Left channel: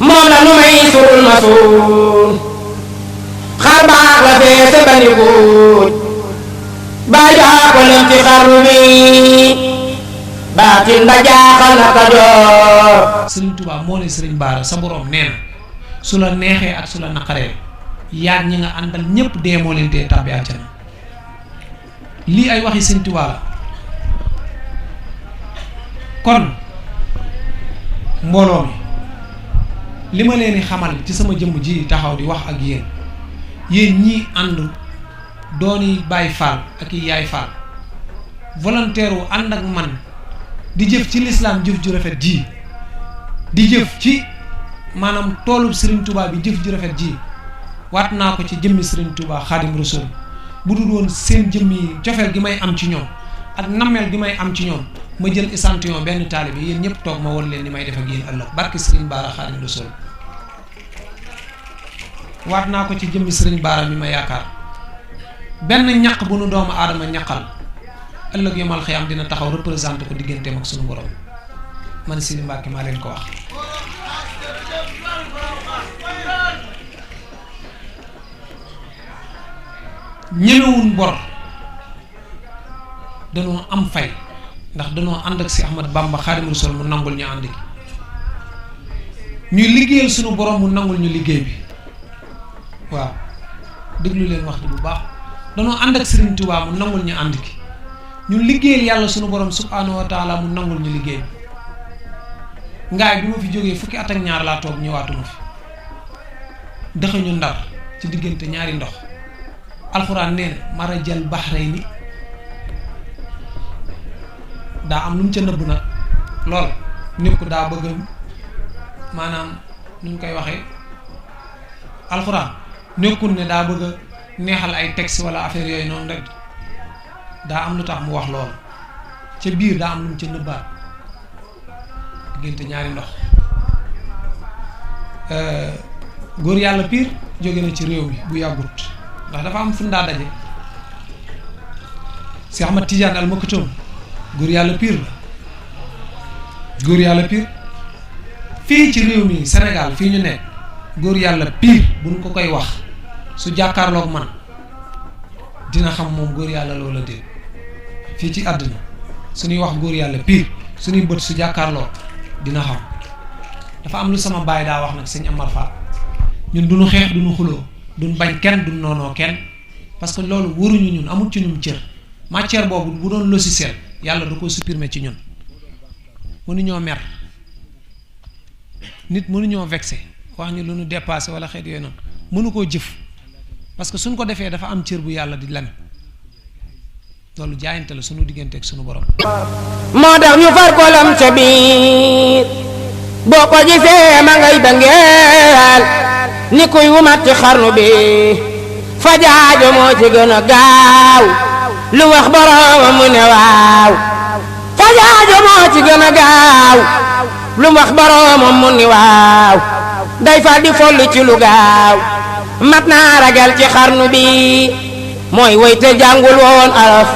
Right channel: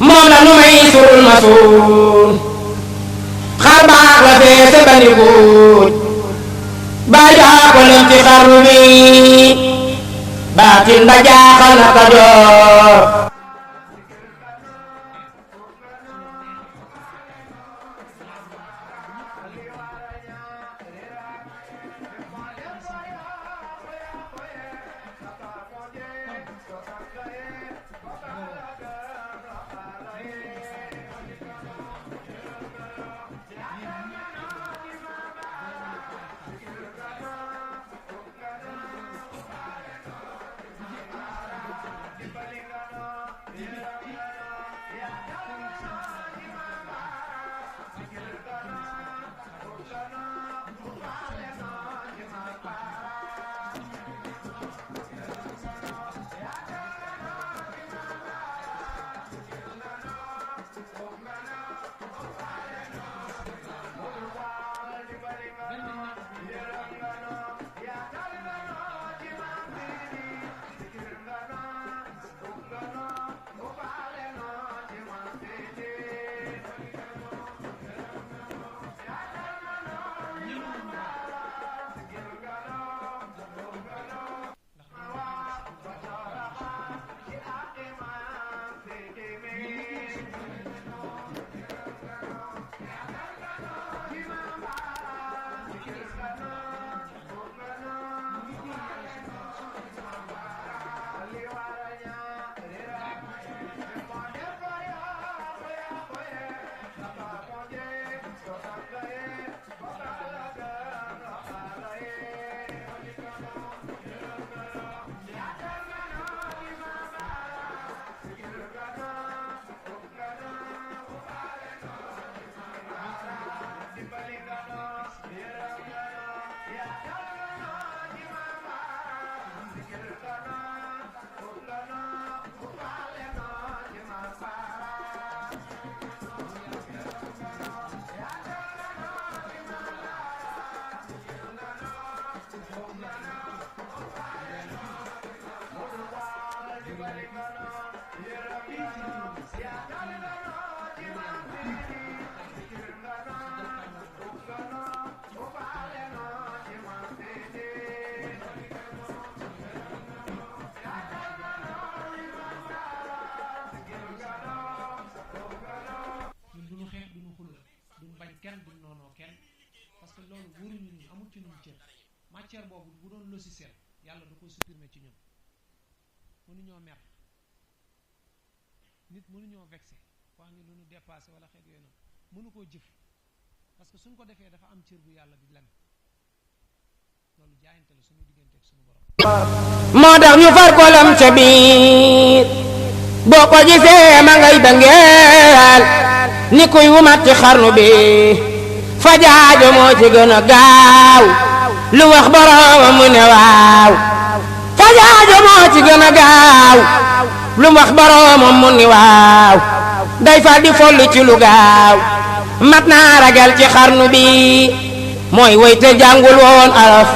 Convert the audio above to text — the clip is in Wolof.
moom la nu may surul ma suul xar baax la feese ba ni guuj baay baa ko lem ci xarnu bi baatin ba jaaxal na Kajoor. Sëriñ Tuubaa moo ne Sëriñ Baara sa borom nee na su la neexee ak su la naqaree yaag ñi nga àndal ñépp dee moo leen tee tàbbi àjjana. lii ay waxi Sëriñ Tuubaa la kon mbooloo mi li ma leen di xamal ci sama jëmm ji taxaw di wax ak yéen ñii ànd dooni Baay Faal ak i Yaay Faal volontaire wu ànd ak man di jëf ci lislaam jëf ju rafet ji di jëf ci maanaam toolub Sëriñ Tuubaa bi jëf ju rafet ji waat naa ko ci jëmmi Sëriñ Tuubaa Xaadim Rasuul bu dul woon seen jëmm yi cofeel gi may am ci ñoom ak nammeel gi may am ci ñoom ma jël échantillon benn taalibe yéen ñëpp toog ma won leen ni may def ak yéen ëllëg barke Sëriñ Baara Xaadim Rasuul waat naa ko ci jëmmi Sëriñ Baara mi ma yaakaar benn ñaq bu nu doomu aadama ñaqal ëllëg yomal xiyam dina taxaw représenté ko digganteem ak suñu borom man Sëriñ Mbàkke maa leen ko wax. ñemewuñ bor danoo am fay ndax danoo ànd ak si Ahmad Bamba Xaadimu Rasuul mu nangul ñu ànd gi ñuy liggéeyal suñu borom mu nangul ñu liggéey bi waaw déglu leen wax bu baax danoo ànd ak Sëriñ Tuubaa mu nangul ñu ànd gi ñu liggéeyal yàlla suñu borom subhaanahu wa taala mu nangul ñu liggéey bi ngaay bi ma fi jógee fukki at ak ñaar laa toog ñëwaatuma fi dëxañu Ndar ci diggante ñaari ndox alxuraan nee na marajal bahrayni daa am lu mu ca nëbb nag lool nit ko daa bëgg maanaam nu ñu koy waxee alxuraan nekkul ne daa bëgg a neexal ay texte wala affaire yooyu noonu rek daa am lu tax mu wax lool ca biir daa am lu mu ca nëbbaat diggante ñaari ndox góor yàlla piir jóge na ci réew mi bu yàggut ndax dafa am fu mu daa daje si Ahmad Tijaan al Maktoum góor yàlla piir la góor yàlla piir fii ci réew mi Sénégal fii ñu nekk góor yàlla piir buñ ko koy wax su jàkkaarloog man dina xam moom góor yàlla loola dégg fii ci àddina suñuy wax góor yàlla piir suñuy bët su jàkkaarloo dina xam dafa am lu sama baay daa wax nag sëñ Amar Fall ñun duñu xeex duñu xuloo duñ bañ kenn duñ noonoo kenn parce que loolu waruñu ñun amul ci ñun cër matière boobu bu doon logiciel yàlla da ko supprimer ci ñun mënuñoo mer nit mënuñoo vexé wax ñu lu ñu dépassé wala xeet yooyu noonu mënu koo jëf parce que suñ ko defee dafa am cër bu yàlla di lem loolu jaayante la suñu diggante ak suñu borom. moo tax ñu far ko lam ca biir boo ko gisee ma ngay dangeel ni kuy wumat ci xarnu bi fajaajo moo ci gën a gaaw lu wax boroomam mu ne waaw fajaajo moo ci gën a gaaw lu wax boroomam mu ne waaw day fal di folli ci lu gaaw mat naa ragal ci xarnu bi mooy woy te jàngul woon araf